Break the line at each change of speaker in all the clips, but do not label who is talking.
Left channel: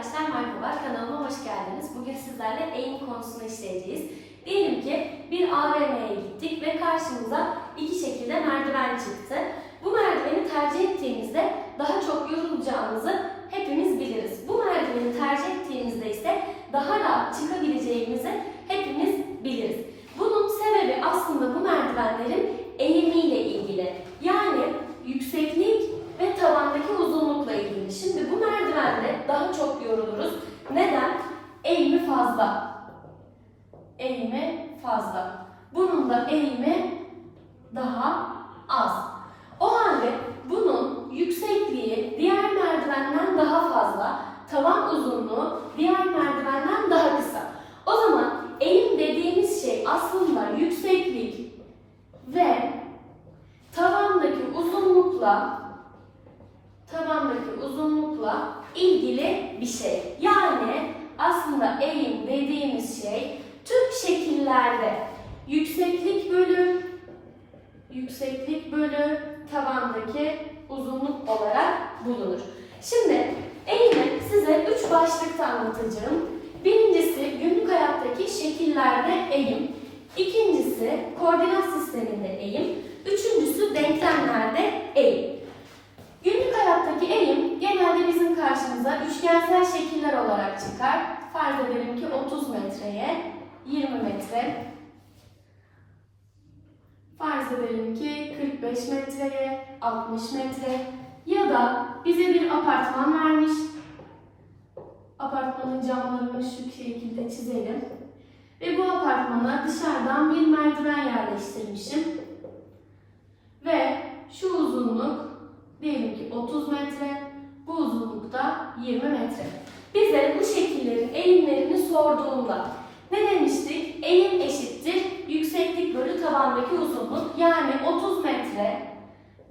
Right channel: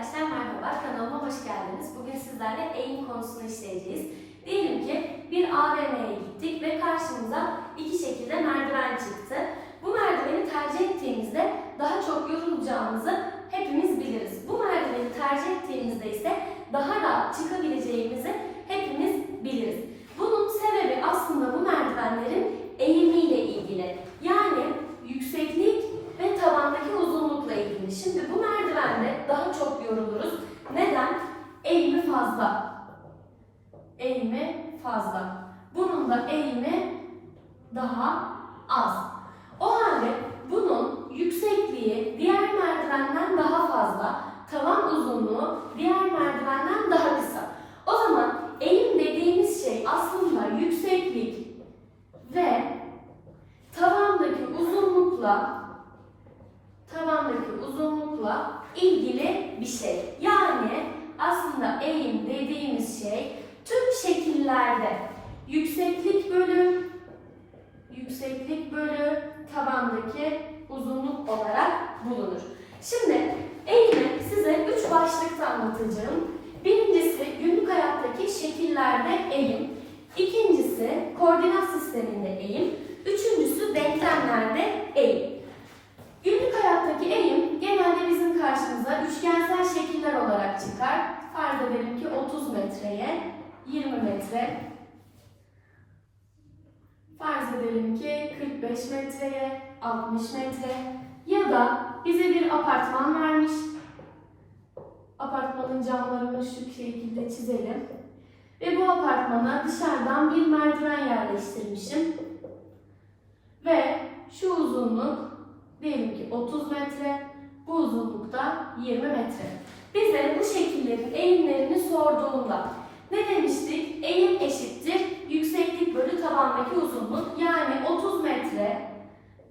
Arkadaşlar merhaba, kanalıma hoş geldiniz. Bugün sizlerle eğim konusunu işleyeceğiz. Diyelim ki bir AVM'ye gittik ve karşımıza iki şekilde merdiven çıktı. Bu merdiveni tercih ettiğimizde daha çok yorulacağımızı hepimiz biliriz. Bu merdiveni tercih ettiğimizde ise daha rahat çıkabileceğimizi hepimiz biliriz. Bunun sebebi aslında bu merdivenlerin eğimiyle ilgili. Yani yükseklik ve tavandaki uzunlukla ilgili. Şimdi bu merdivende daha çok yoruluruz. Neden? Eğimi fazla. Eğimi fazla. Bunun da eğimi daha az. O halde bunun yüksekliği diğer merdivenden daha fazla, tavan uzunluğu diğer merdivenden daha kısa. O zaman eğim dediğimiz şey aslında yükseklik ve tavandaki uzunlukla tavandaki uzunlukla ilgili bir şey. Yani aslında eğim dediğimiz şey tüm şekillerde yükseklik bölü yükseklik bölü tavandaki uzunluk olarak bulunur. Şimdi eğimi size üç başlıkta anlatacağım. Birincisi günlük hayattaki şekillerde eğim. İkincisi koordinat sisteminde eğim. Üçüncüsü denklemlerde eğim. Günlük hayattaki eğim genelde bizim karşımıza üçgensel şekiller olarak çıkar. Farz edelim ki 30 metreye 20 metre. Farz edelim ki 45 metreye 60 metre ya da bize bir apartman vermiş. Apartmanın camlarını şu şekilde çizelim. Ve bu apartmana dışarıdan bir merdiven yerleştirmişim. Ve şu uzunluk diyelim ki 30 metre, bu uzunlukta 20 metre. Bize bu şekillerin eğimlerini sorduğunda ne demiştik? Eğim eşittir yükseklik bölü tabandaki uzunluk. Yani 30 metre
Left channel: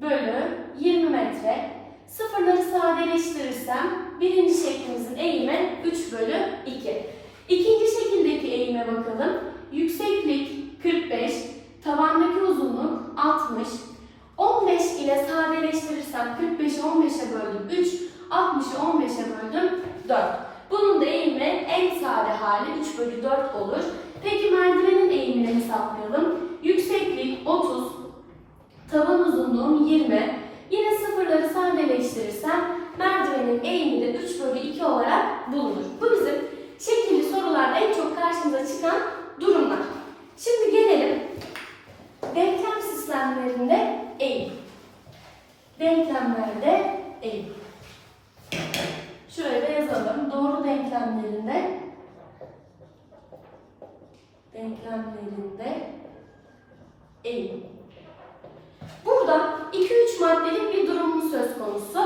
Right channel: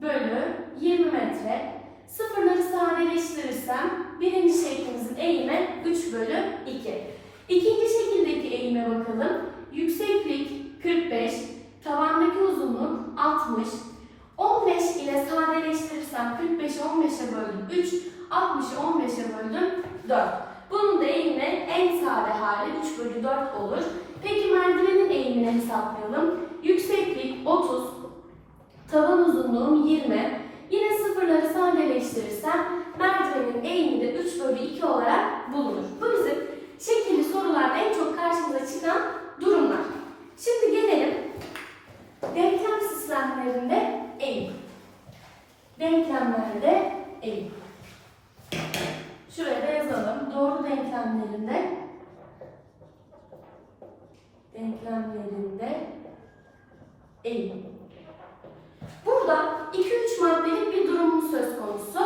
bölü 20 metre. Sıfırları sadeleştirirsem birinci şeklimizin eğimi 3 bölü 2. İkinci şekildeki eğime bakalım. Yükseklik 45, tavandaki uzunluk 60, 15 ile sadeleştirirsem 45'i 15'e böldüm 3, 60'ı 15'e böldüm 4. Bunun da eğimi en sade hali 3 bölü 4 olur. Peki merdivenin eğimini hesaplayalım. Yükseklik 30, tavan uzunluğum 20. Yine sıfırları sadeleştirirsem merdivenin eğimi de 3 bölü 2 olarak bulunur. Bu bizim şekilli sorularda en çok karşımıza çıkan durumlar. Şimdi gelelim denklem sistemlerinde eğim. Denklemlerde eğim. Şuraya da yazalım. Doğru denklemlerinde denklemlerinde eğim. Burada 2-3 maddelik bir durumumuz söz konusu.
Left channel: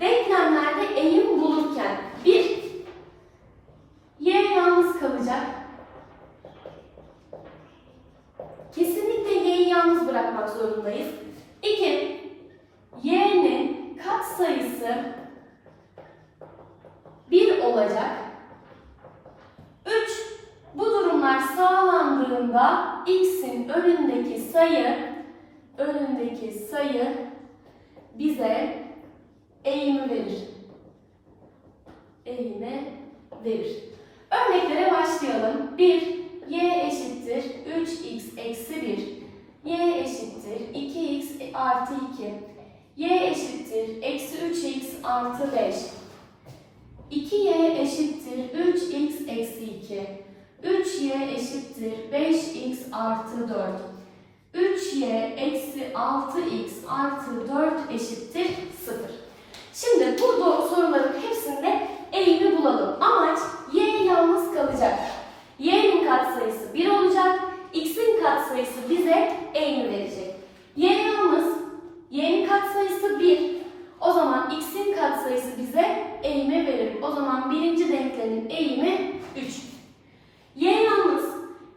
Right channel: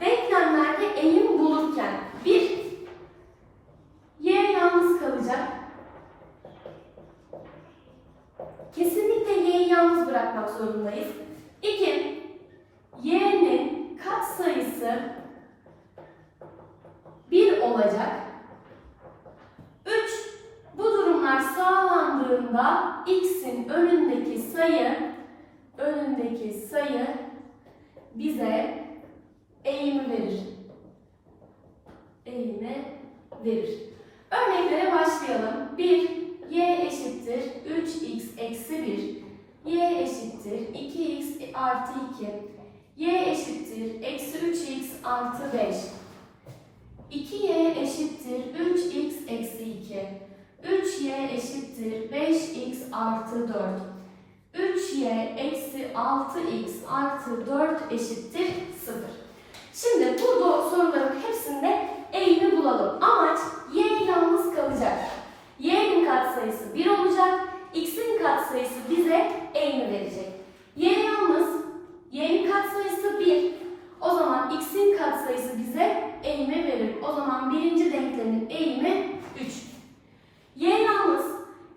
Denklemlerde eğim bulurken bir y yalnız kalacak. Kesinlikle y'yi yalnız bırakmak zorundayız. 2. y'nin katsayısı 1 olacak. 3. Bu durumlar sağlandığında x'in önündeki sayı önündeki sayı bize eğimi verir. Eğimi verir. Örneklere başlayalım. 1. y eşittir 3x eksi 1. y eşittir 2x artı 2. y eşittir eksi 3x artı 5. 2y eşittir 3x eksi 2. 3y eşittir 5x artı 4. 3y eksi 6x artı 4 eşittir 0. Şimdi bu soruların hepsinde eğimi bulalım. Amaç y yalnız kalacak. y'nin katsayısı 1 olacak. x'in katsayısı bize eğimi verecek. y yalnız, y'nin katsayısı 1. O zaman x'in katsayısı bize eğimi verir. O zaman birinci denklemin eğimi 3. y yalnız,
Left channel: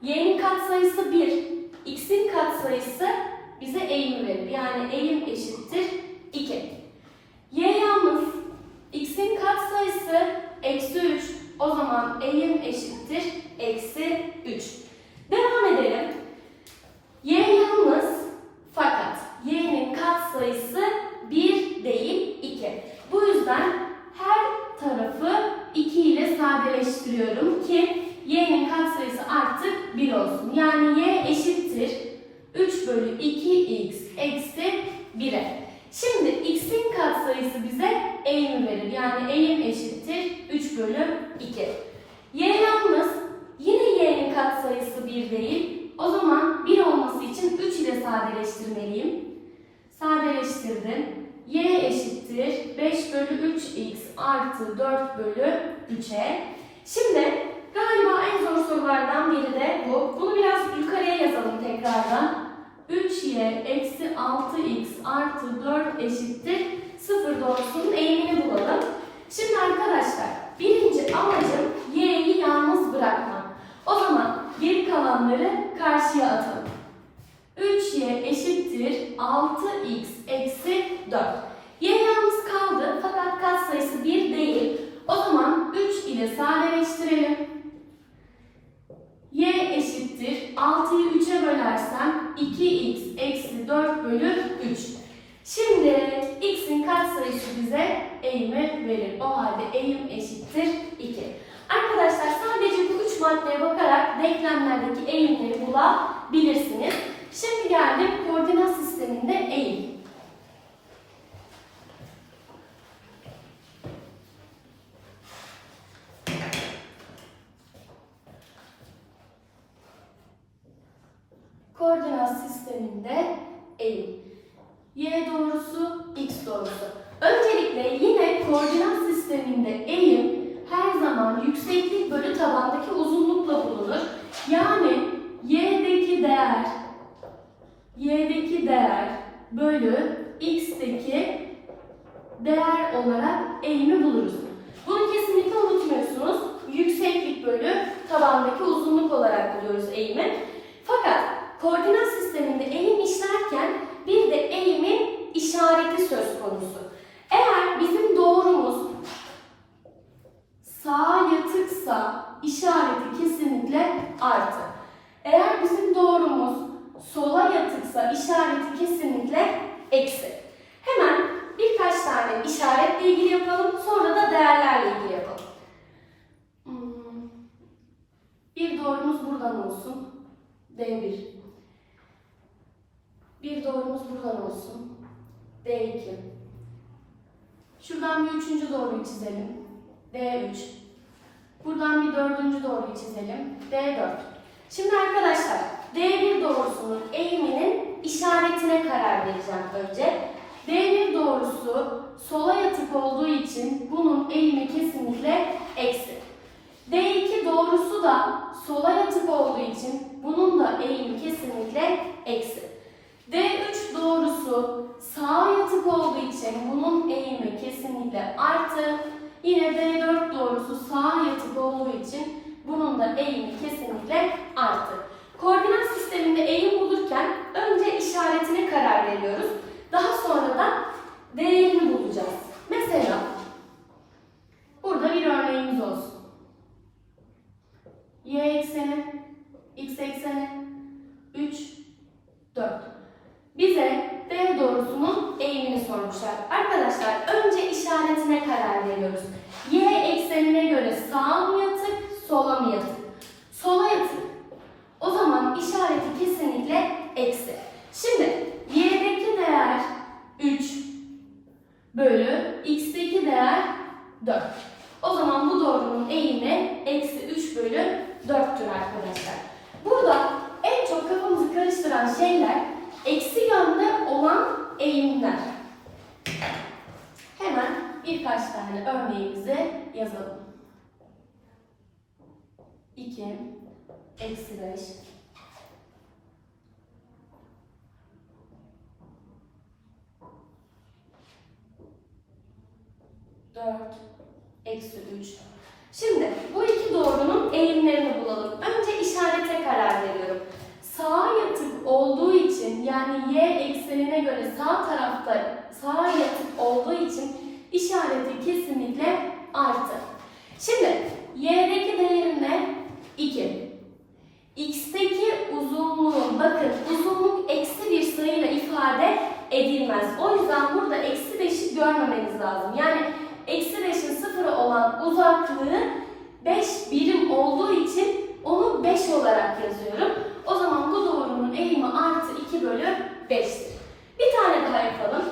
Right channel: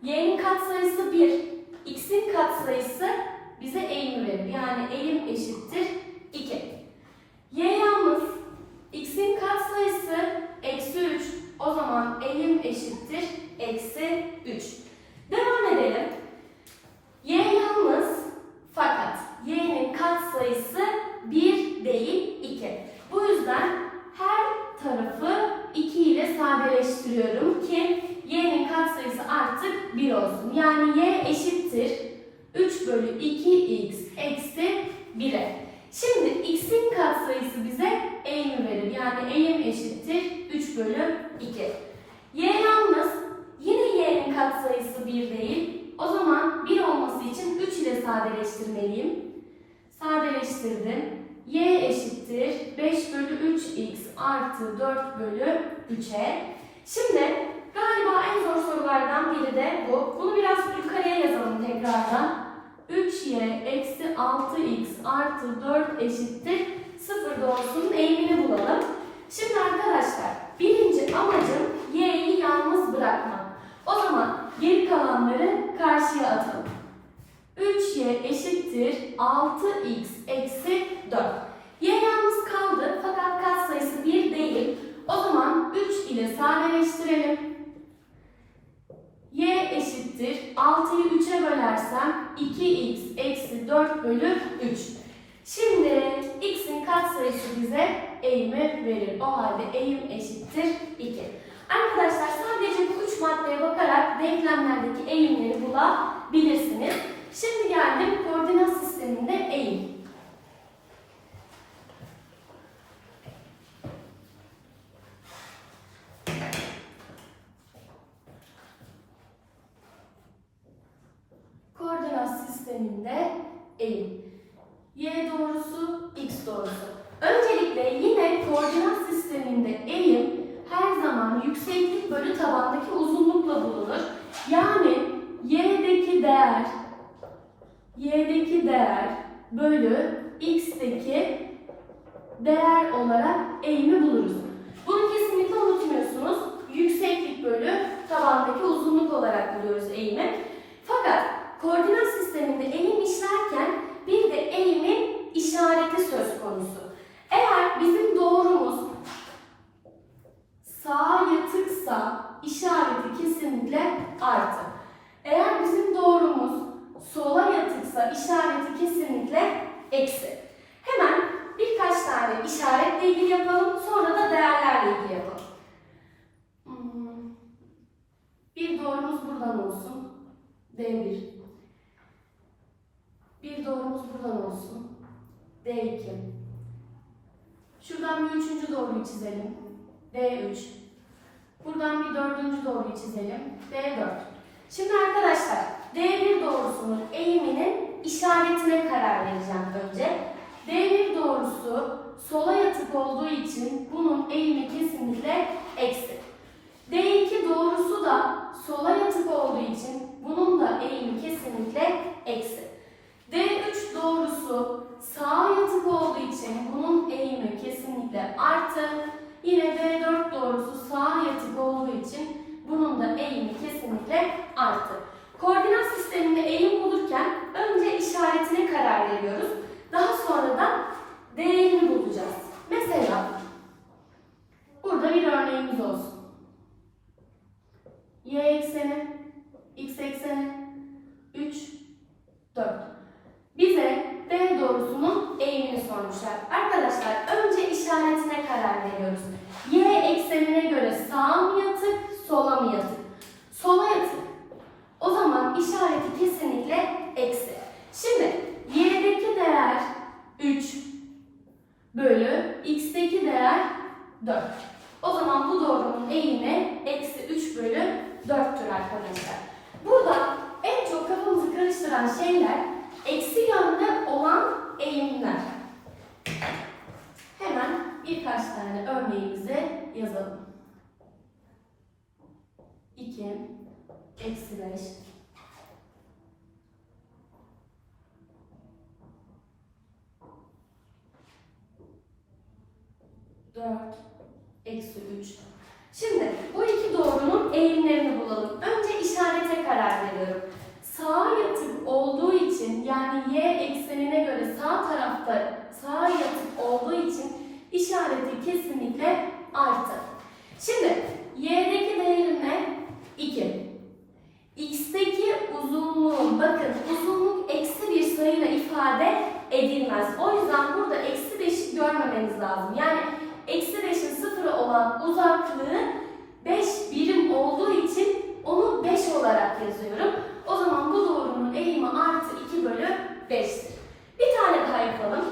y'nin katsayısı 1. x'in katsayısı bize eğimi verir. Yani eğim eşittir 2. y yalnız, x'in katsayısı eksi 3. O zaman eğim eşittir eksi 3. Devam edelim. y yalnız fakat y'nin katsayısı 1 değil 2. Bu yüzden her tarafı 2 ile sadeleştiriyorum ki y'nin katsayısı artık 1 olsun. Yani y eşittir 3 bölü 2x eksi 1'e. Şimdi x'in katsayısı bize eğimi verir. Yani eğim eşittir 3 bölü 2. y yalnız yine y'nin katsayısı 1 değil. O zaman 1 olması için 3 ile sadeleştirmeliyim. Sadeleştirdim. y eşittir 5 bölü 3x artı 4 bölü 3'e. Şimdi galiba en zor sorulardan biri de bu. Bunu biraz yukarıya yazalım tekrardan. 3y eksi 6x artı 4 eşittir 0 doğrusunun eğimini bulalım. Şimdi arkadaşlar birinci amacım y'yi yalnız bırakmak. O zaman geri kalanları karşıya atalım. 3y eşittir 6x eksi 4. y yalnız kaldı fakat katsayısı 1 değil. O zaman 3 ile sadeleştirelim. y eşittir 6'yı 3'e bölersem 2x eksi 4 bölü 3. Şimdi x'in katsayısı bize eğimi verir. O halde eğim eşittir 2. Arkadaşlar sadece bu üç maddeye bakarak denklemlerdeki eğimleri bulabilirsiniz. Şimdi geldim koordinat sisteminde eğim. Koordinat sisteminde eğim. Y doğrusu, X doğrusu. Öncelikle yine koordinat sisteminde eğim her zaman yükseklik bölü tabandaki uzunlukla bulunur. Yani y'deki değer y'deki değer bölü x'teki değer olarak eğimi buluruz. Bunu kesinlikle unutmuyorsunuz. Yükseklik bölü tabandaki uzunluk olarak buluyoruz eğimi. Fakat koordinat sisteminde eğim işlerken bir de eğimin işareti söz konusu. Eğer bizim doğrumuz sağa yatıksa işareti kesinlikle artı. Eğer bizim doğrumuz sola yatıksa işareti kesinlikle eksi. Hemen birkaç tane işaretle ilgili yapalım, sonra da değerlerle ilgili yapalım. Hmm. Bir doğrumuz buradan olsun. D1. Bir doğrumuz buradan olsun. D2. Şuradan bir üçüncü doğruyu çizelim. D3. Buradan bir dördüncü doğruyu çizelim. D4. Şimdi arkadaşlar D1 doğrusunun eğiminin işaretine karar vereceğim önce. D1 doğrusu sola yatık olduğu için bunun eğimi kesinlikle eksi. D2 doğrusu da sola yatık olduğu için bunun da eğimi kesinlikle eksi. D3 doğrusu sağa yatık olduğu için bunun eğimi kesinlikle artı. Yine D4 doğrusu sağa yatık olduğu için bunun da eğimi kesinlikle artı. Koordinat sisteminde eğim bulurken önce işaretine karar veriyoruz. Daha sonra da değerini bulacağız. Mesela burada bir örneğimiz olsun. Y ekseni, X ekseni, 3, 4. Bize D doğrusunun eğimini sormuşlar. Arkadaşlar önce işaretine karar veriyoruz. Y eksenine göre sağa mı yatık, sola mı yatık? Sola yatık. O zaman işareti kesinlikle eksi. Şimdi y'deki değer 3 bölü x'teki değer 4. O zaman bu doğrunun eğimi eksi 3 bölü 4'tür arkadaşlar. Burada en çok kafamızı karıştıran şeyler eksi yönde olan eğimler. Hemen birkaç tane örneğimizi yazalım. 2 eksi 5 4 eksi 3 Şimdi bu iki doğrunun eğimlerini bulalım. Önce işarete karar veriyorum. Sağa yatık olduğu için yani y eksenine göre sağ tarafta sağa yatık olduğu için işareti kesinlikle artı. Şimdi y'deki değerim ne? 2. X'teki uzunluğun, bakın uzunluk eksi bir sayıyla ifade edilmez. O yüzden burada eksi beşi görmemeniz lazım. Yani eksi beşin sıfırı olan uzaklığı 5 birim olduğu için onu 5 olarak yazıyorum. O zaman bu doğrunun eğimi artı 2 bölü 5'tir. Bir tane daha yapalım.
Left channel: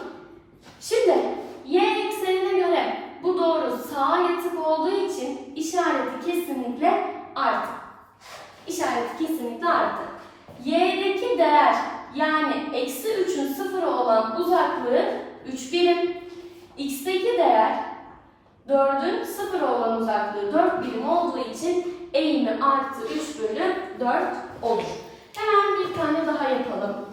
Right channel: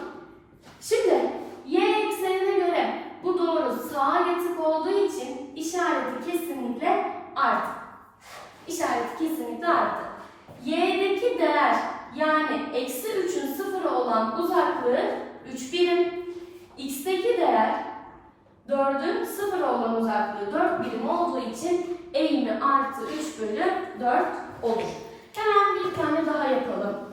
Şimdi y eksenine göre bu doğru sağa yatık olduğu için işareti kesinlikle artı. İşareti kesinlikle artı. Y'deki değer yani eksi 3'ün sıfıra olan uzaklığı 3 birim. X'teki değer 4'ün sıfıra olan uzaklığı 4 birim olduğu için eğimi artı 3 bölü 4 olur. Hemen bir tane daha yapalım.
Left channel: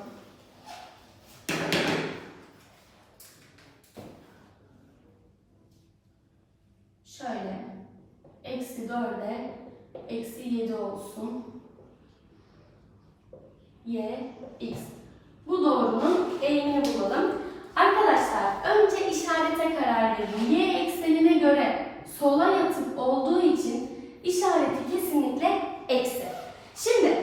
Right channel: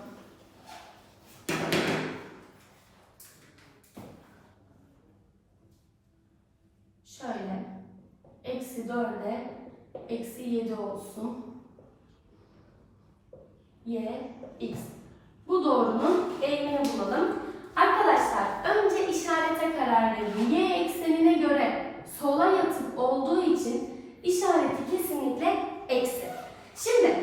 Şöyle. Eksi 4'e eksi 7 olsun. Y, X. Bu doğrunun eğimini bulalım. Arkadaşlar önce işarete karar verin. Y eksenine göre sola yatık olduğu için işareti kesinlikle eksi. Şimdi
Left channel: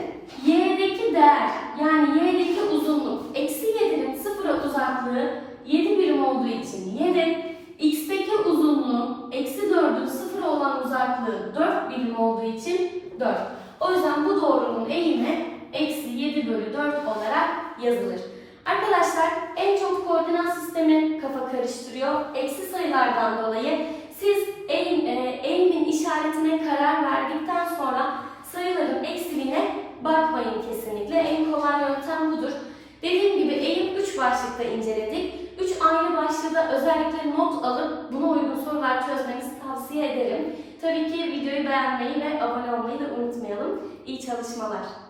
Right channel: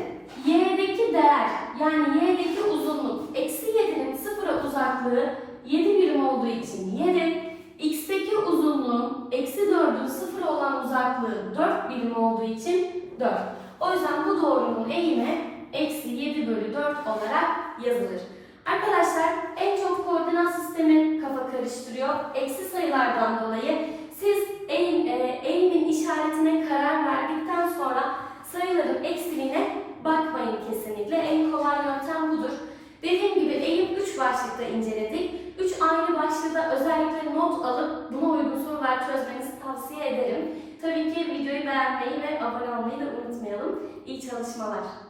y'deki değer yani y'deki uzunluk eksi 7'nin sıfıra uzaklığı 7 birim olduğu için 7. X'teki uzunluğun eksi 4'ün sıfıra olan uzaklığı 4 birim olduğu için 4. O yüzden bu doğrunun eğimi eksi 7 bölü 4 olarak yazılır. Arkadaşlar en çok koordinat sistemi kafa karıştırıyor. Eksi sayılardan dolayı siz eğim, e, eğimin işaretine karar verdikten sonra sayıların eksiliğine bakmayın kesinlikle. En kolay yöntem budur. Dediğim gibi eğim 3 başlıkta inceledik. 3 ayrı başlıkta özellikle not alıp buna uygun sorular çözmenizi tavsiye ederim. Tabii ki videoyu beğenmeyi ve abone olmayı da unutmayalım. İyi çalışmalar.